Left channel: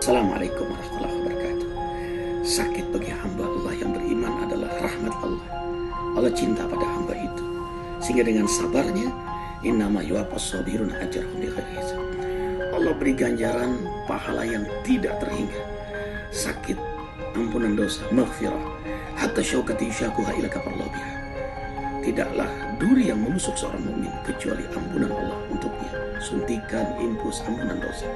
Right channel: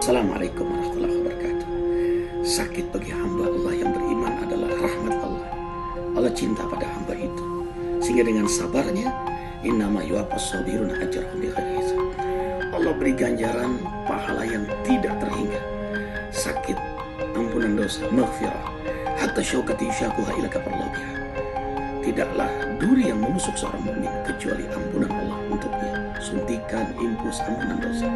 Assalamualaikum warahmatullahi wabarakatuh. Sakit bagi hamba Allah yang beriman adalah rahmat Allah. Allah cinta pada hamba itu, sehingga dengan sabarnya, innama yuwaffas sabiruna ajrahum bighairi hisab. Allah beri ganjaran pahala yang tidak terhingga. Sakit, ampunan dosa, maghfirah, hatta syaukati syakuha ila kafarallahu biha. Tidaklah duri yang menusuk seorang mukmin kecuali ampunan Allah untuknya. Suntikan impus ampunan dosa.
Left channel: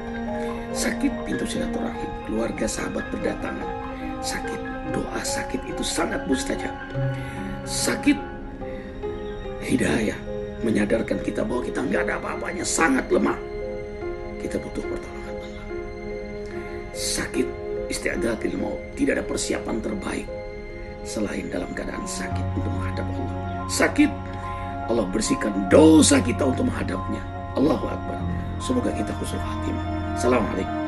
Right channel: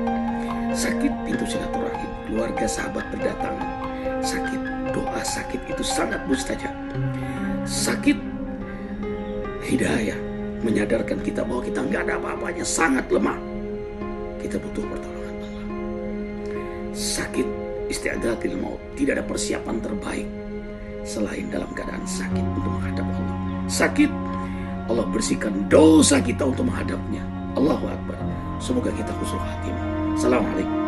Sakit, pintu silaturahim, keluarga sahabat berdatangan. Sakit, doa sakit itu sangat mustajab. Sakit, hidayah, menyadarkan kita bahwa kita nggak ada apa-apanya, sangat lemah. Kita butuh pertolongan Allah. Sakit, isti'adatil maut, tidak ada persiapan terbaik selain dalam keadaan sakit untuk menghadap Allah. Sakit, Allah bersihkan dosa kita untuk menghadapnya. Allahu Akbar. Semoga kita husnul khatimah. Assalamualaikum.